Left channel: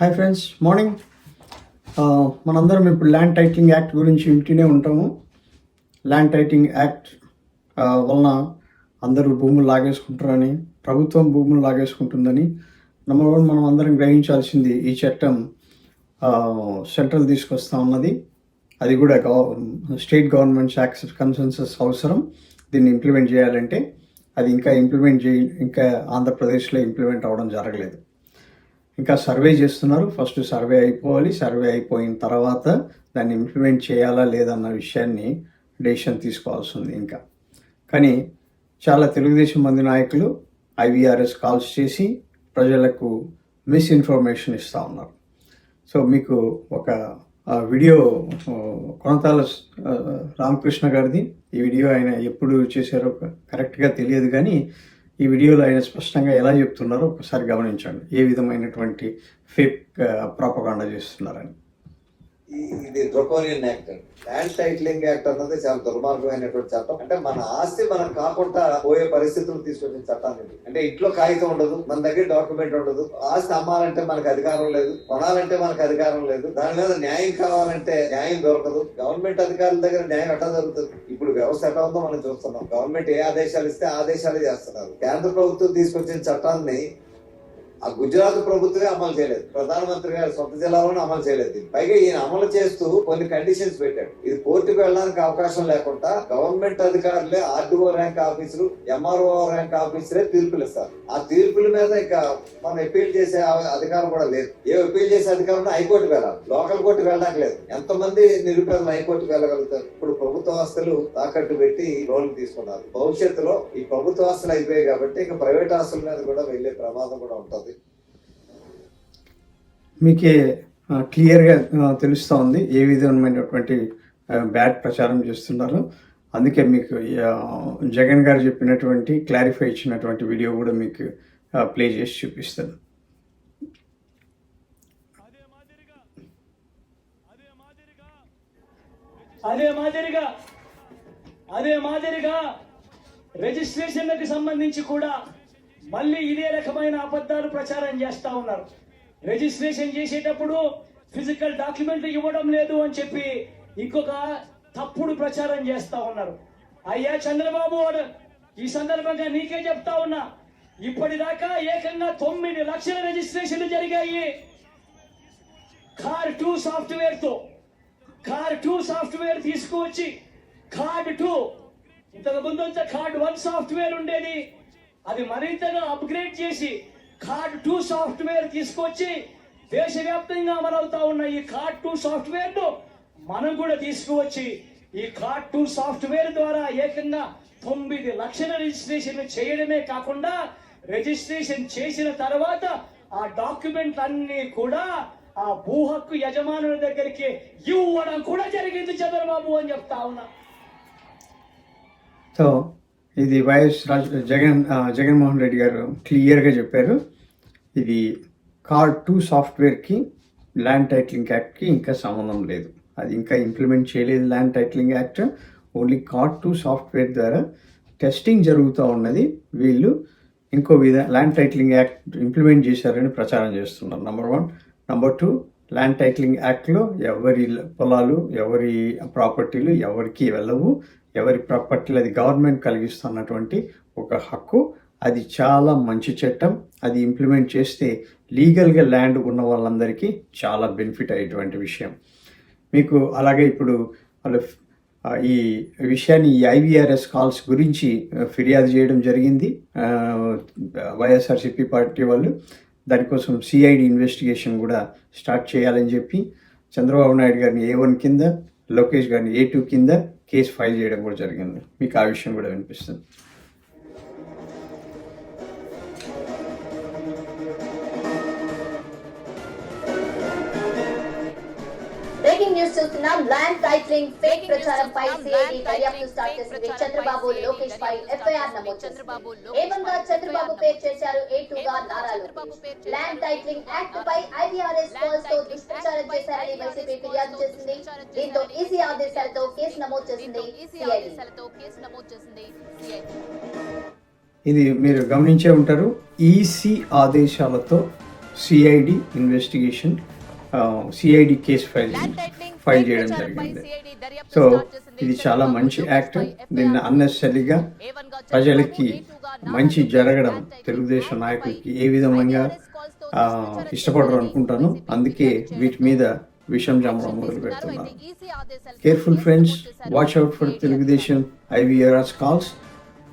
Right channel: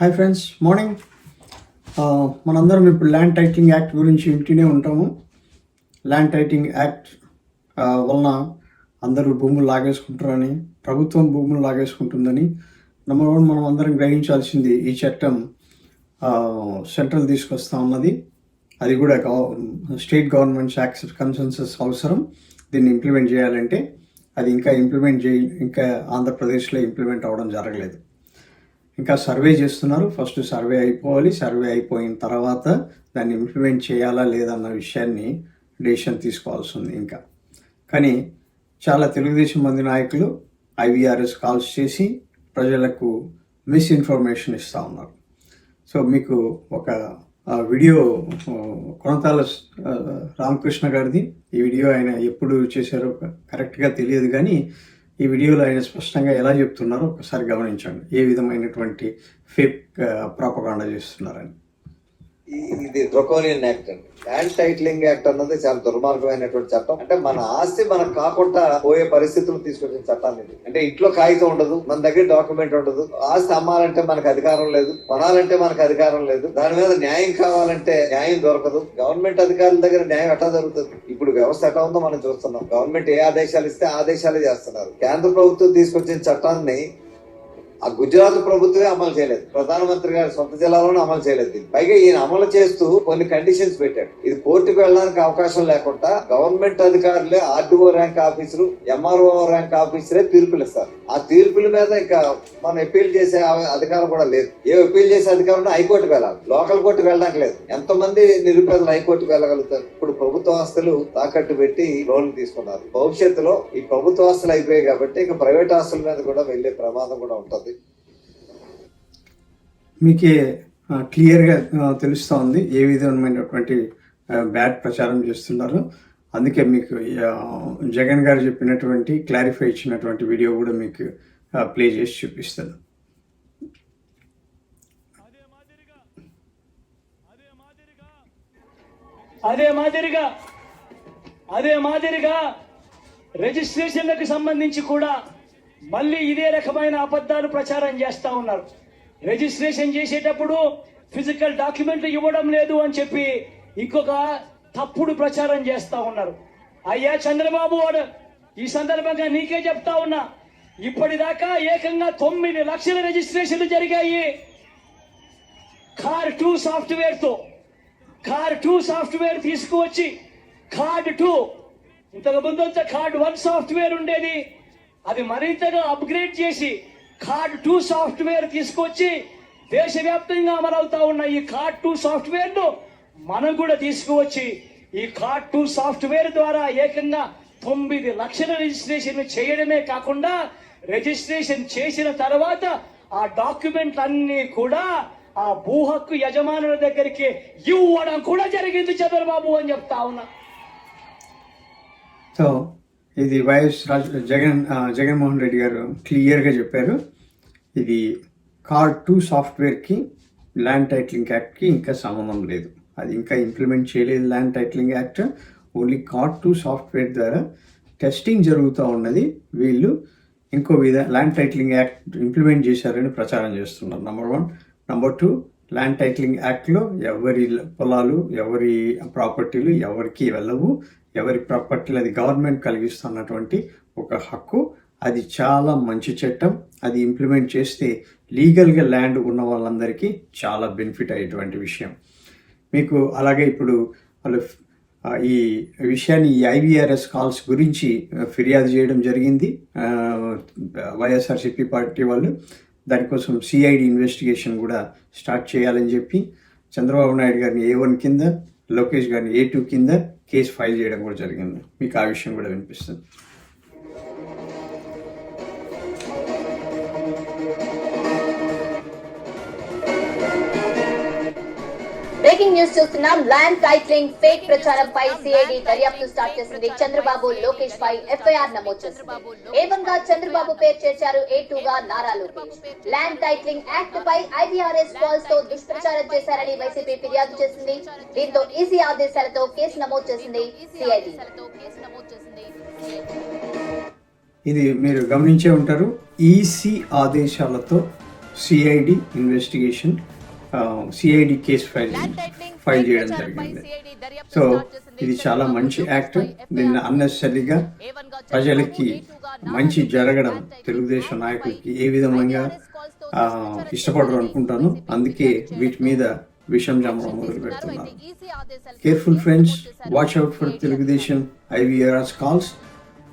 Hi friends, morning. మనందరం ఇప్పుడు land titling act గురించి వింటూనే ఉంటాము. ల్యాండ్ టైటిలింగ్ యాక్ట్ వలన అందరూ భూములు లాగేసుకుంటారని, ప్రభుత్వం భూములు లాగేసుకుంటుందని. నెంబర్ వన్, మనం అందరం గ్రహించాల్సింది ఈ చట్టం సెంట్రల్ తీసుకొస్తా ఉన్నది. అది కూడా స్టేట్ గవర్నమెంట్స్ కన్సెన్సస్ అవసరం. దీన్ని ఇంప్లిమెంట్ చేయాలంటే అది ఇంకా ఆంధ్రప్రదేశ్లో ఇంప్లిమెంట్ అవ్వడం జరగలేదు. ఇంకా సర్వే చేస్తున్నారు. ఫస్ట్ సర్వే అయిపోవాలి. సర్వే అయిపోయిన తర్వాత దాన్ని ఇంప్లిమెంట్ చేయాలా లేదన్న విషయాన్ని డెసిషన్ తీసుకోవాల్సి ఉంది ఇంకా. కానీ చాలా తెలుగుదేశం మంది నాయకులు ఐవీఆర్ఎస్ కాల్స్ చేసి ప్రజలకు మిస్ఇన్ఫర్మేషన్ ఇస్తూ ఉన్నారు. సో మీకు ఒక వీడియో కొనతాల రామకృష్ణ గారిది. ఈ వీడియో ఆయన ఎప్పుడు చేశారో కరెక్ట్గా తెలియదు, కానీ ఈ వీడియోలో ఆయన స్పష్టంగా ఎలా చెప్తున్నారో ఒకసారి గమనించండి. ఏ విధమైనటువంటి ఫేక్ ప్రాపగాండా చేస్తున్నారని. ఇది డ్రకోనియన్ యాక్ట్ అండి. ల్యాండ్ టైటిలింగ్ యాక్ట్ అన్నది చాలా దుర్మార్గమైనటువంటి చట్టం. అంటే మన ఆస్తి మనం కాకుండా పోయే పరిస్థితులు తీసుకొచ్చిన చట్టాన్ని ఇది. అంటే ఇంట్లో కాగితం ఉండదు, మన దగ్గర డాక్యుమెంట్ ఉండదు. ఆస్తి అమ్మాలంటే మనకు అధికారం లేదు, కొనాలంటే మనకు అధికారం లేదు. దాని మీద న్యాయం కావాలంటే న్యాయం దొరకదు. గవర్నమెంట్ అధికారుల దగ్గర న్యాయం ఎట్లా దొరుకుతుంది? ఇప్పుడు వ్యవస్థ ఎట్లా ఉందో మనం చూస్తున్నాం. గవర్నమెంట్ ఏ ఆదేశాలు ఇస్తే ఆదేశాలే చేస్తున్నారు. కేంద్ర ప్రభుత్వం తీసుకొచ్చిన చట్టాన్ని ఆ గుజరాత్ ప్రభుత్వమే అమలు చేయలేదు. ప్రధానమంత్రి గారి సొంత జిల్లాలోనే అమలు చేయలేదు. పైగా ఈయన అమలు చేస్తూ కొన్ని కండిషన్స్ పెట్టాడు. ఇది కోర్టుకు వెళ్ళడానికి అవకాశం లేకుండా గవర్నమెంట్ అధికారులే RDO rank officer, MRO rank ఆఫీసరే తీర్పులు ఇస్తారు. ఆ తీర్పుల మీద ఇంకా మనం అప్పీల్ చేసే అధికారం కూడా లేదు. ఏ అప్పీల్ చేసే అధికారం హైకోర్టుకు వెళ్ళాలి, లోకల్ కోర్టుకు వెళ్ళడానికి లేదు. ఎంతమంది నిరుపేదలు హైకోర్టుకు వెళ్ళగలుగుతారు? ఇప్పుడు ప్రభుత్వ ఆస్తులు తాకట్టు పెట్టి లోన్లు తీసుకున్నారు. భవిష్యత్తులో ఈ ప్రభుత్వ ఆస్తులు అయిపోయాయి కాబట్టి ఇక ప్రైవేట్ ఆస్తుల మీద కూడా వెళ్లే ప్రమాదం కూడా ఉంటుంది. మీకే క్లియర్గా తెలుస్తూ ఉంది ఏ విధమైనటువంటి బ్యాడ్ ప్రచారం చేస్తున్నారు. అందుకే మీకు జగన్ గారు చెప్పినటువంటి క్లారిఫై ఇచ్చినటువంటి వీడియో కూడా మీకు ప్లే చేసి చూపిస్తాను. అదే మాదిరిగా రిజిస్ట్రేషన్లకు సంబంధించి కూడా మళ్ళీ ఇదే రకమైన అబద్ధాలు ప్రచారం చేస్తా ఉన్నారు. రిజిస్ట్రేషన్ చేసేటప్పుడు ఫిజికల్ డాక్యుమెంట్లు ఇవ్వడం లేదు అని చెప్పి ఇంకొక తప్పుడు ప్రచారం చేస్తా ఉన్నారు. అయ్యా చంద్రబాబు, ఈ సందర్భంగా నీకే చెప్తా ఉన్నా, ఇప్పటిదాకా ఏకంగా 9 లక్షల రిజిస్ట్రేషన్లు జరిగాయి కార్ 2 సాఫ్ట్వేర్ తో. కార్ 2 సాఫ్ట్వేర్ తీసుకువచ్చి కార్డ్ 2, ఇంతకు ముందు కార్డ్ 1 సాఫ్ట్వేర్ ఉండేది, అది మరింతగా అప్గ్రేడ్ చేసి కార్డ్ 2 సాఫ్ట్వేర్ తీసుకొచ్చి దేశవ్యాప్తంగా అమలవుతా ఉన్న ఈ కార్డ్ 2 సాఫ్ట్వేర్ ను మనం కూడా తీసుకువచ్చి ఈ కార్డ్ 2 సాఫ్ట్వేర్ ద్వారా ఏకంగా 9 లక్షల రిజిస్ట్రేషన్ చేయడమే కాకుండా రిజిస్ట్రేషన్ చేసిన తర్వాత ఆ డాక్యుమెంట్ అన్ని కూడా ఆ భూ హక్కు యజమానుల దగ్గరికి ఇవ్వడం కూడా జరిగింది చంద్రబాబు అని చెప్తా ఉన్నా. సో ఇది వైఎస్ జగన్మోహన్ రెడ్డి గారు క్లియర్గా చెప్పారు. ఇది కార్డ్ 2 సాఫ్ట్వేర్కి ల్యాండ్ టైటిలింగ్ యాక్ట్కి ఇంకా సంబంధం లేదు. అది ఇంకా ఇంప్లిమెంట్ చేయలేదు land titling act. Only card 2 software ద్వారా టెస్టింగ్ జరుగుతూ ఉన్నది. వీళ్ళు ఇంకో ల్యాండ్ టైటిలింగ్ యాక్ట్ ఇంప్లిమెంట్ చేశారని ప్రచారం చేస్తున్నారు. నెంబర్ 1. నెంబర్ 2, ల్యాండ్ టైటిలింగ్ యాక్ట్లో ఎవరి పొలాలు, ఎవరి ప్రాపర్టీలు ఎవరికి వెళ్ళవు. ఎవరి ప్రాపర్టీలు అది గవర్నమెంట్ కలిగిస్తున్నటువంటి ఒక హక్కు. అది చాలా మంచి చట్టం. అది ఇంప్లిమెంట్ చేస్తే లీగల్గా ల్యాండ్ ఉన్న వాళ్ళందరికీ చాలా బెనిఫిట్ అయ్యేటువంటి విషయం. మీకు అలాగే ఇప్పుడు వాళ్ళు ఈ విషయాన్ని ఈ ఐవీఆర్ఎస్ కాల్స్ గురించి ఫిర్యాదు చేయడం జరిగింది వైఎస్ఆర్సీపీ పార్టీ వాళ్ళు. దానికోసం సిఐడి ఇన్వెస్టిగేషన్ కూడా స్టార్ట్ చేయాలని చెప్పి చంద్రబాబు నాయుడు గారిని A1 కింద, లోకేష్ గారిని A2 కింద కేసు ఫైల్ చేయడం కూడా జరిగింది. మీకు ఆ విషయం కూడా వినిపిస్తుంది. బ్రేకింగ్ న్యూస్ చూస్తున్నాం. ల్యాండ్ టైటిలింగ్ ఫేక్ ప్రచారంపై సిఐడి దర్యాప్తు స్టార్ట్ చేసింది. చంద్రబాబు, లోకేష్ పై ఎఫ్ఐఆర్ నమోదు చేసింది. ఏకంగా చంద్రబాబు పేరు చేర్చారు A2 గా Nara Lokesh. Land titling act పై ఐవీఆర్ఎస్ కాల్స్ తో దుష్ప్రచారం చేశారని వైసీపీ ఫిర్యాదు చేసింది. దీంతో ఈసీ ఆదేశాలతో కేసు నమోదు చేసింది సిఐడి. ఇది మీరు గమనించే ఉంటారు. ఈసీ ఆదేశాలతో CID investigation, CID case file చేయడం జరిగింది. సో ఇది చాలా మంచి యాక్ట్. దీన్ని అన్నెసరీగా ప్రజలకి మంచి జరగడం తెలుగుదేశం నాయకులకి ఏ విధంగా ఇష్టపడరు అనుకుంటాను. అందుకే వీటి మీద విషం జమ్మడం మొదలు పెడుతున్నారు. Careful friends, watch out for Telugu Desam IVR's calls.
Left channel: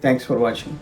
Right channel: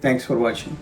Thanks for watching.